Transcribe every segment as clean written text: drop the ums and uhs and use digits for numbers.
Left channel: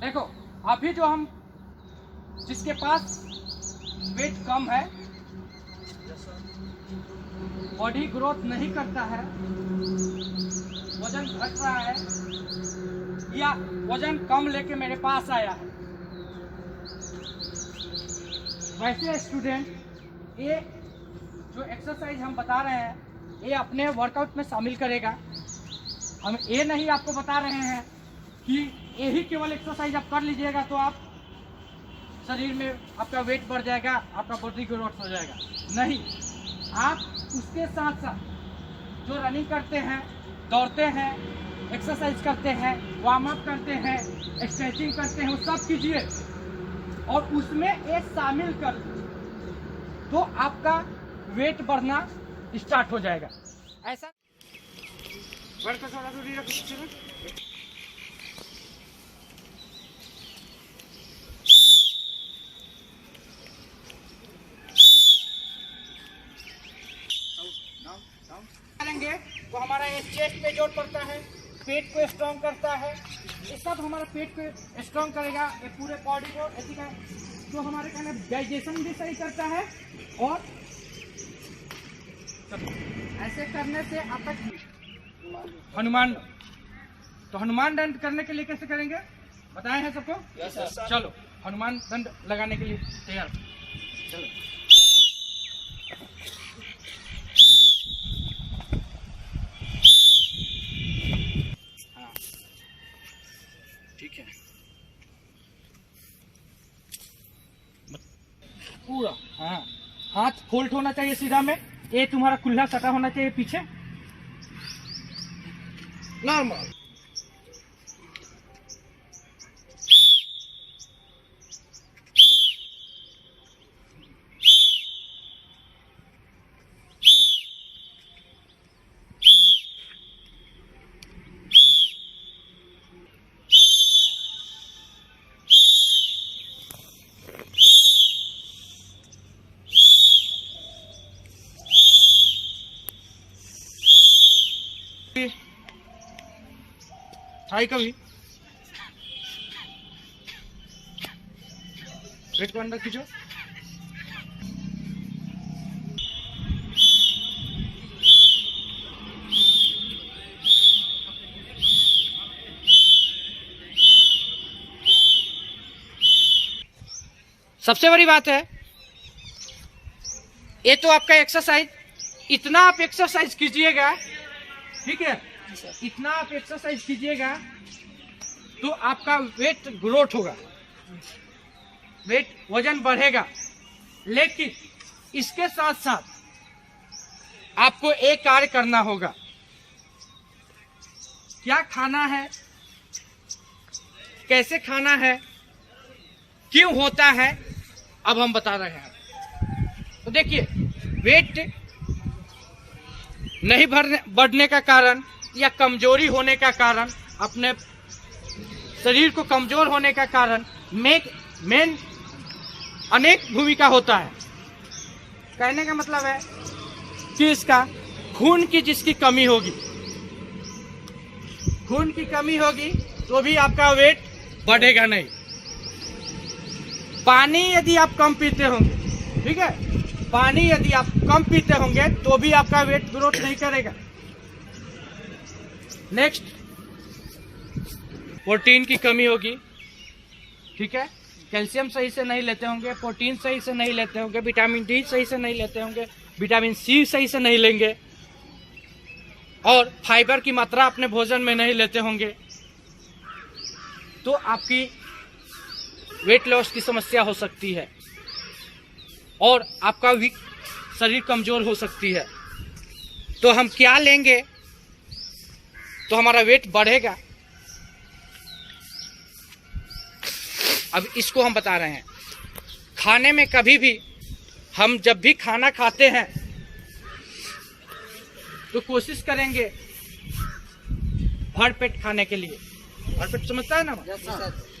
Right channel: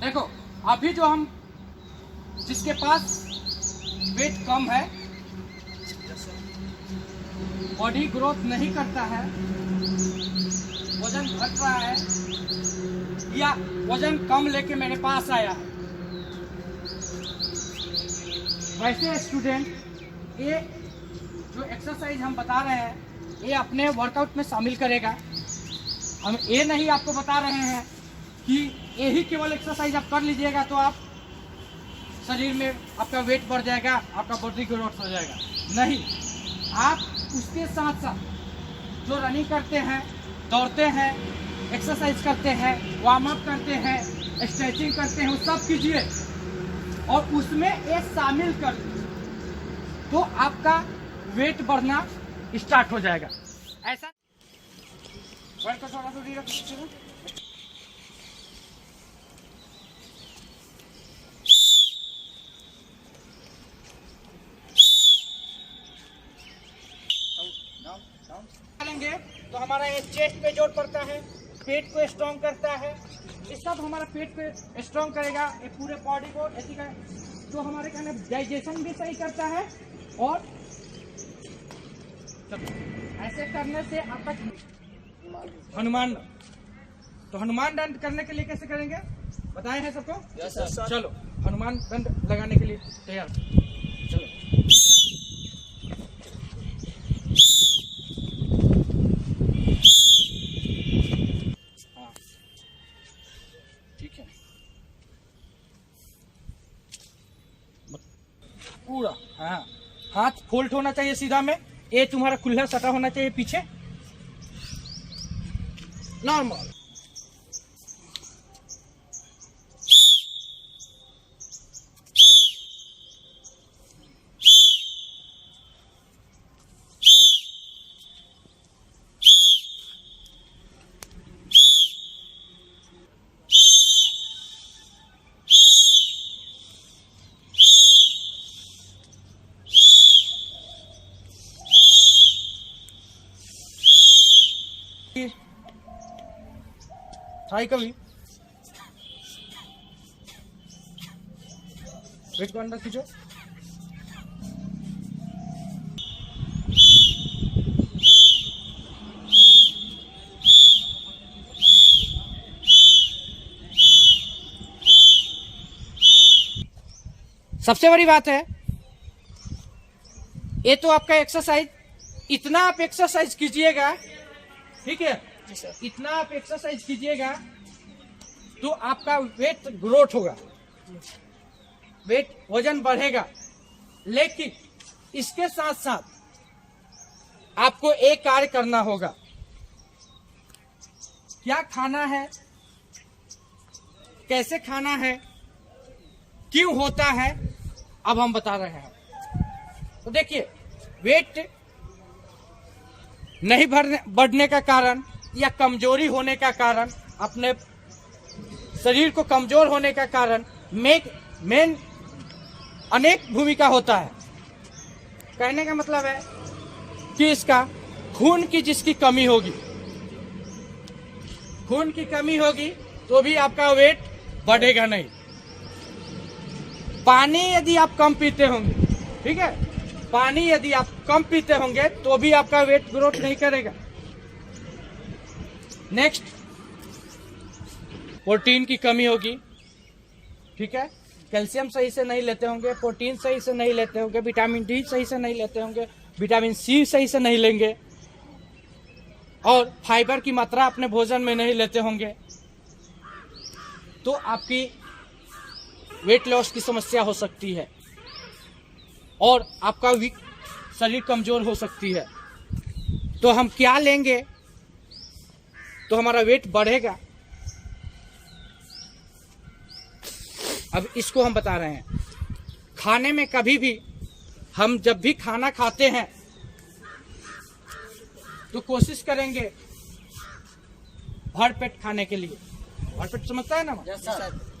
देखो अभी जो हम जिसके पास वेट कम है, बॉडी ग्रोथ नहीं करता है, वजन घट रहा है या वजन कम लेके मेरे पास आया है, वैसे स्टूडेंट ये जो एक्सरसाइज हम बता रहे हैं ये अपने वर्कआउट में शामिल करेगा। हम ये नहीं आपको बता रहे हैं कि यही केवल एक्सरसाइज आप कर लीजिएगा तो आप शरीर में आपका वेट बढ़ जाएगा, आपका बॉडी ग्रोथ हो जाएगा। नहीं, आप उसके साथ साथ जो रनिंग करते हैं, दौड़ते हैं, एक्सरसाइज करते हैं, वार्म अप करते हैं, स्ट्रेचिंग करते हैं, वो सब कीजिए और उसमें ये शामिल कर तो आपका वेट बढ़ना स्टार्ट हो जाएगा। ऐसा करेंगे तो हमारा ये चेस्ट पे जोर पड़ता है, पेट को स्ट्रॉन्ग करता है, ये सब हमारा पेट को स्ट्रॉन्ग करेगा, ये पूरे बॉडी को ऐसी का तो हमारे कहने डाइजेशन भी सही करता है। और ऐसे करने से आपका हनुमान तो हनुमान दंड करने के लिए कैसे करेंगे बताए हैं सबको? yes, चलो हनुमान दंड लगाने के लिए तैयार। चलो हाँ ठीक है, पूरा हाँ, हाथ फोल्ड होना चाहिए सीधा में, ये तुम्हारा कुल्ला सटा होना चाहिए पीछे, नॉर्मल। ट्राई कभी वेट को अंदर खींचो, सबसे बड़ी बात है ये तो आपका एक्सरसाइज, इतना आप एक्सरसाइज कीजिएगा, ठीक है, इतना आप एक्सरसाइज कीजिएगा तो आपका वेट ग्रोथ होगा, वेट वजन बढ़ेगा। लेकिन इसके साथ साथ आपको एक कार्य करना होगा। क्या खाना है, कैसे खाना है, क्यों होता है, अब हम बता रहे हैं। तो देखिए वेट नहीं बढ़ने का कारण या कमजोरी होने का कारण, अपने शरीर को कमजोर होने का कारण मेन अनेक भूमिका होता है। कहने का मतलब है कि इसका खून की जिसकी कमी होगी, खून की कमी होगी तो भी आपका वेट बढ़ेगा नहीं। पानी यदि आप कम पीते होंगे, ठीक है, पानी यदि आप कम पीते होंगे तो भी आपका वेट ग्रोथ नहीं करेगा। नेक्स्ट, प्रोटीन की कमी होगी, ठीक है, कैल्शियम सही से नहीं लेते होंगे, प्रोटीन सही से नहीं लेते होंगे, विटामिन डी सही से नहीं लेते होंगे, विटामिन सी सही से नहीं लेंगे और फाइबर की मात्रा अपने भोजन में नहीं लेते होंगे तो आपकी वेट लॉस की समस्या हो सकती है और आपका शरीर कमजोर हो सकती है। तो हम क्या लेंगे तो हमारा वेट बढ़ेगा, अब इसको हम बता रहे हैं। खाने में कभी भी हम जब भी खाना खाते हैं तो कोशिश करेंगे भर पेट खाने के लिए, भर पेट समझता है ना,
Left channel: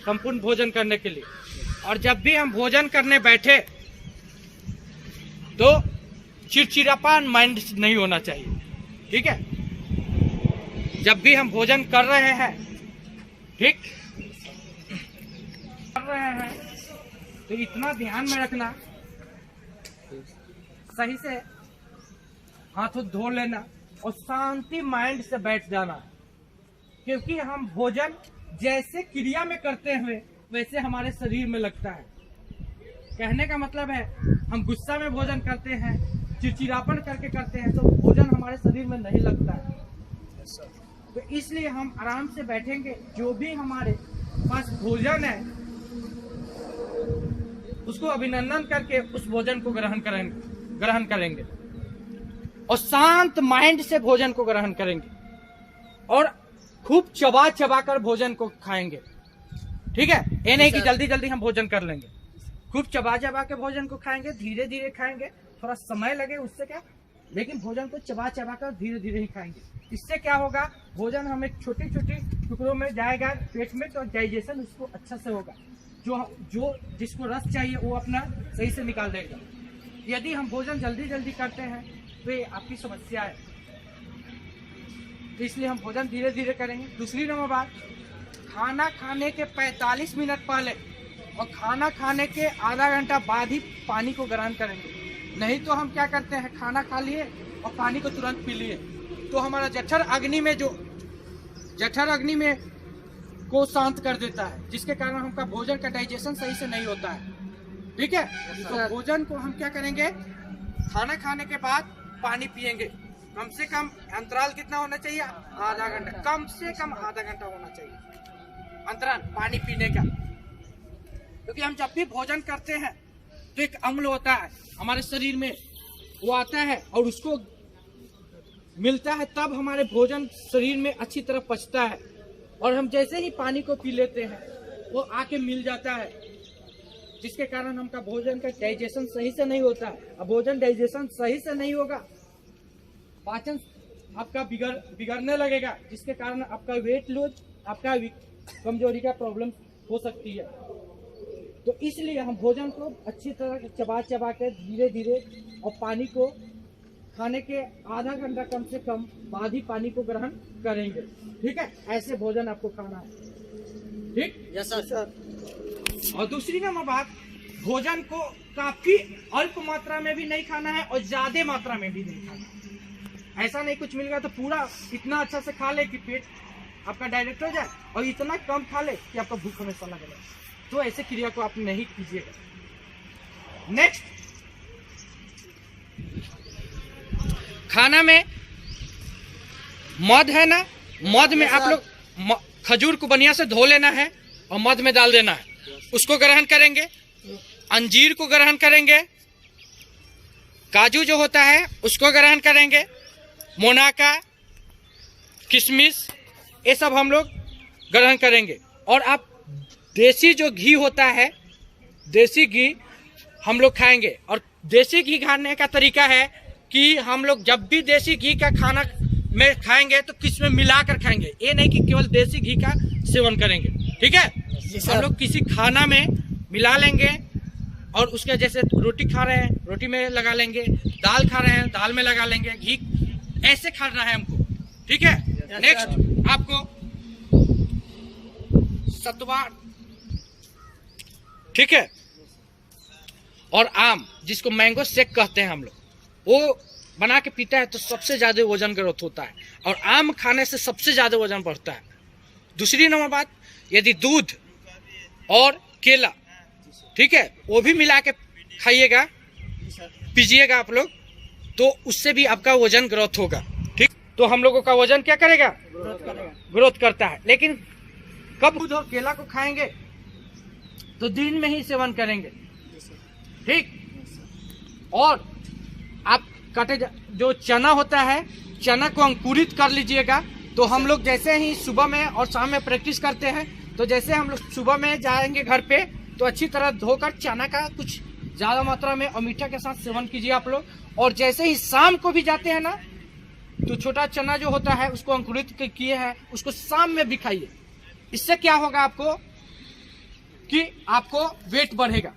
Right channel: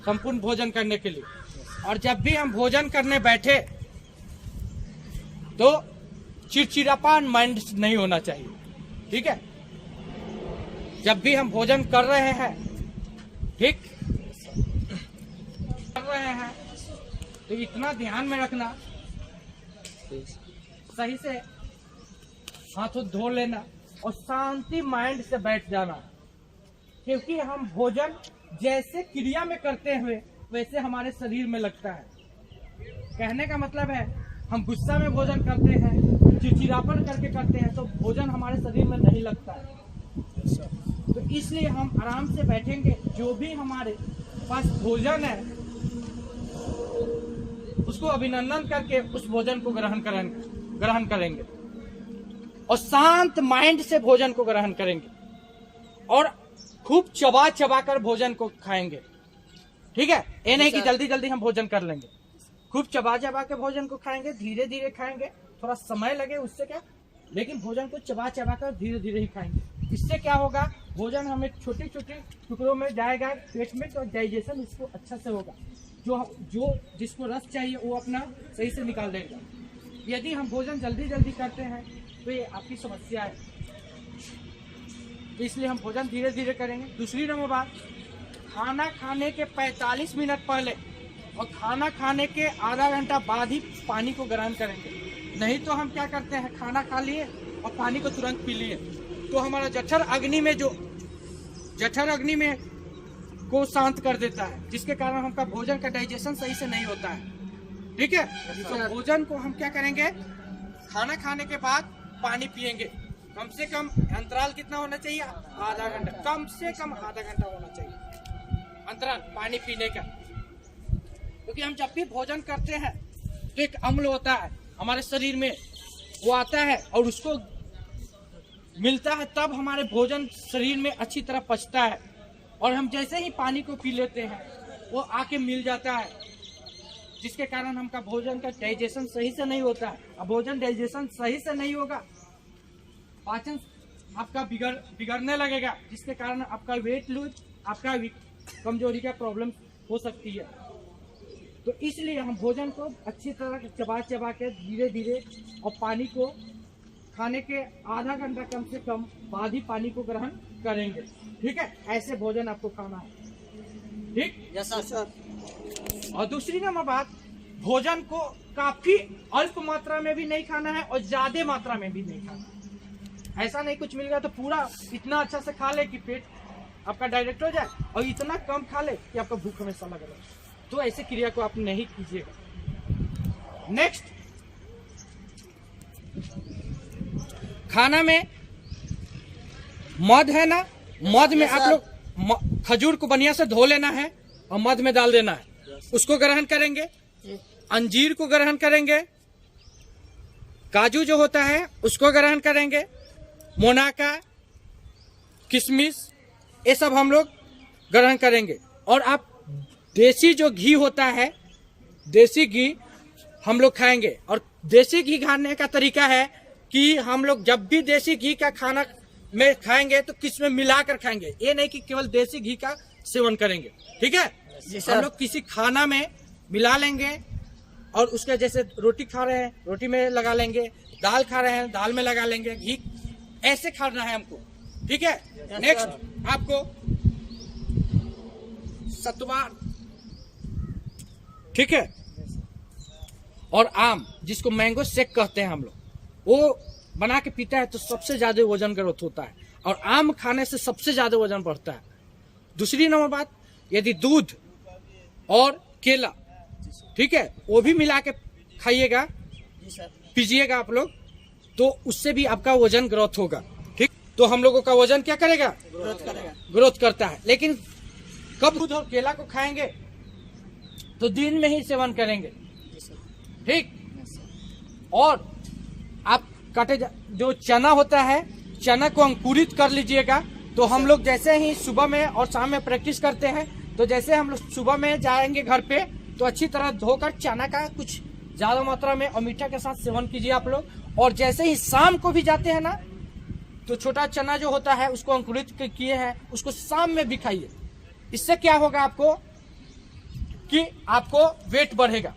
संपूर्ण भोजन करने के लिए। और जब भी हम भोजन करने बैठे तो चिड़चिड़ापन माइंड नहीं होना चाहिए, ठीक है। जब भी हम भोजन कर रहे हैं, ठीक, कर रहे हैं तो इतना ध्यान में रखना, सही से हाथों धो लेना और शांति माइंड से बैठ जाना, क्योंकि हम भोजन जैसे क्रिया में करते हुए वैसे हमारे शरीर में लगता है। कहने का मतलब है हम गुस्सा में भोजन करते हैं, चिड़चिड़ापन करके करते हैं तो भोजन हमारे शरीर में नहीं लगता है। तो इसलिए हम आराम से बैठेंगे, जो भी हमारे पास भोजन है उसको अभिनंदन करके उस भोजन को ग्रहण करेंगे और शांत माइंड से भोजन को ग्रहण करेंगे और खूब चबा चबा कर भोजन को खाएंगे। ठीक है, ये नहीं कि जल्दी जल्दी हम भोजन कर लेंगे, खूब चबा चबा के भोजन को खाएंगे, धीरे धीरे खाएंगे, थोड़ा समय लगे उससे क्या, लेकिन भोजन को चबा चबा कर धीरे धीरे ही खाएंगे। इससे क्या होगा, भोजन हमें छोटे छोटे टुकड़ों में जाएगा पेट में, तो डाइजेशन उसको अच्छा से होगा, जो जिसको रस चाहिए वो अपना सही से निकाल देगा। यदि हम भोजन जल्दी जल्दी करते हैं तो ये आपकी समस्या है, इसलिए हम भोजन धीरे धीरे करेंगे। दूसरी नंबर बात, खाना खाने के 45 मिनट पहले और खाना खाने के आधा घंटा बाद ही पानी को ग्रहण करेंगे। नहीं तो हम क्या करते हैं, खाना खा लिए और पानी को तुरंत पी लिए तो हमारा जठर अग्नि में को शांत कर देता है, जिसके कारण हमका भोजन का डाइजेशन सही से नहीं होता है। ठीक है, तो भोजन को हम क्या करेंगे, खाना खाने के बाद पानी पिएंगे। कम से कम अंतराल कितना होना चाहिए, आधा घंटा, कम से कम आधा घंटा होना चाहिए अंतराल पानी पीने का। क्योंकि हम जब भी भोजन करते हैं तो एक अम्ल होता है हमारे शरीर में, वो आता है और उसको मिलता है, तब हमारे भोजन शरीर में अच्छी तरह पचता है। और हम जैसे ही पानी को पी लेते हैं वो आके मिल जाता है, जिसके कारण हमका भोजन का डाइजेशन सही से नहीं होता है। अब भोजन डाइजेशन सही से नहीं होगा, पाचन आपका बिगड़ने लगेगा, जिसके कारण आपका वेट लूज, आपका कमजोरी का प्रॉब्लम हो सकती है। तो इसलिए हम भोजन को अच्छी तरह चबा चबा के धीरे धीरे और पानी को खाने के आधा घंटा कम से कम बाद ही पानी को ग्रहण करेंगे। ठीक है, ऐसे भोजन आपको खाना है। ठीक, यस सर। और दूसरी नंबर बात, भोजन को काफी अल्प मात्रा में भी नहीं खाना है और ज्यादा मात्रा में भी नहीं खाना है। ऐसा नहीं कुछ मिल गया तो पूरा इतना अच्छा से खा ले कि पेट आपका डायरेक्ट हो जाए, और इतना कम खा ले कि आपको भूख हमेशा लगे। तो ऐसे क्रिया को आप नहीं कीजिएगा। नेक्स्ट, खाना में मध है ना, मध में आप लोग खजूर को बढ़िया से धो लेना है और मध में डाल देना है, उसको ग्रहण करेंगे। अंजीर को ग्रहण करेंगे, काजू जो होता है उसको ग्रहण करेंगे, मोनाका, किशमिश, ये सब हम लोग ग्रहण करेंगे। और आप देसी जो घी होता है, देसी घी हम लोग खाएंगे। और देसी घी खाने का तरीका है कि हम लोग जब भी देसी घी का खाना में खाएंगे तो किस में मिलाकर खाएंगे, ये नहीं कि केवल देसी घी का सेवन करेंगे। ठीक है, हम लोग किसी खाना में मिला लेंगे और उसके जैसे रोटी खा रहे हैं रोटी में लगा लेंगे, दाल खा रहे हैं दाल में लगा लेंगे, घी, ऐसे खाना है हमको। ठीक है, नेक्स्ट आपको सतुआ, ठीक है, और आम जिसको मैंगो शेक कहते हैं हम लोग, वो बना के पीता है तो सबसे ज्यादा वजन ग्रोथ होता है और आम खाने से सबसे ज्यादा वजन बढ़ता है। दूसरी नंबर बात, यदि दूध और केला, ठीक है, वो भी मिला के खाइएगा, पीजिएगा आप लोग, तो उससे भी आपका वजन ग्रोथ होगा। ठीक, तो हम लोगों का वजन क्या करेगा, ग्रोथ करता है। लेकिन कब दूध और केला को खाएंगे तो दिन में ही सेवन करेंगे। ठीक, और आप जो चना होता है, चना को अंकुरित कर लीजिएगा। तो हम लोग जैसे ही सुबह में और शाम में प्रैक्टिस करते हैं, तो जैसे हम लोग सुबह में जाएंगे घर पे तो अच्छी तरह धोकर चना का कुछ ज्यादा मात्रा में और मीठा के साथ सेवन कीजिए आप लोग। और जैसे ही शाम को भी जाते हैं ना, तो छोटा चना जो होता है उसको अंकुरित किए हैं, उसको शाम में भी खाइए। इससे क्या होगा आपको कि आपको वेट बढ़ेगा।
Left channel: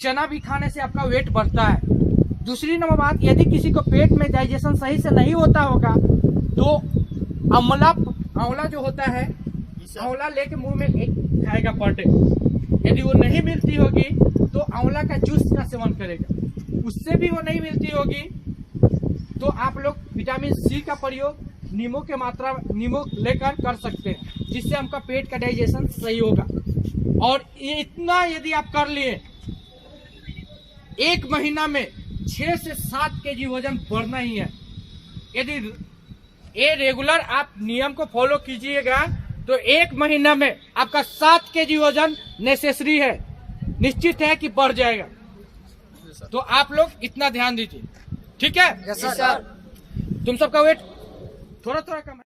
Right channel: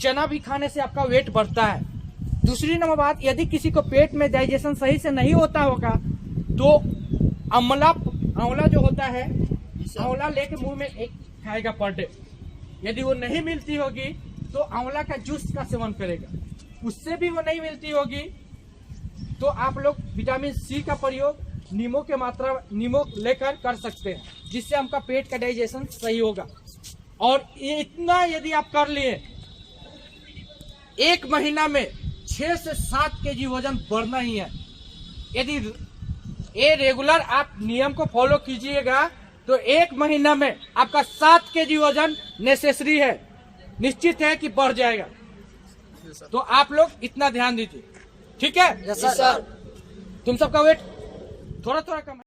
चना भी खाने से आपका वेट बढ़ता है। दूसरी नंबर बात, यदि किसी को पेट में डाइजेशन सही से नहीं होता होगा तो आंवला जो होता है, आंवला लेके मुंह में एक खाएगा पर डे। यदि वो नहीं मिलती होगी तो आंवला का जूस का सेवन करेगा। उससे भी वो नहीं मिलती होगी तो आप लोग विटामिन सी का प्रयोग नींबू लेकर कर सकते हैं, जिससे आपका पेट का डाइजेशन सही होगा। और ये इतना यदि आप कर लिए, 1 महीना में 6 से 7 केजी वजन बढ़ना ही है। यदि ये रेगुलर आप नियम को फॉलो कीजिएगा तो 1 महीना में आपका 7 केजी वजन नेसेसरी है, निश्चित है कि बढ़ जाएगा। तो आप लोग इतना ध्यान दीजिए, ठीक है? Yes sir. तुम सबका वेट थोड़ा थोड़ा कम है।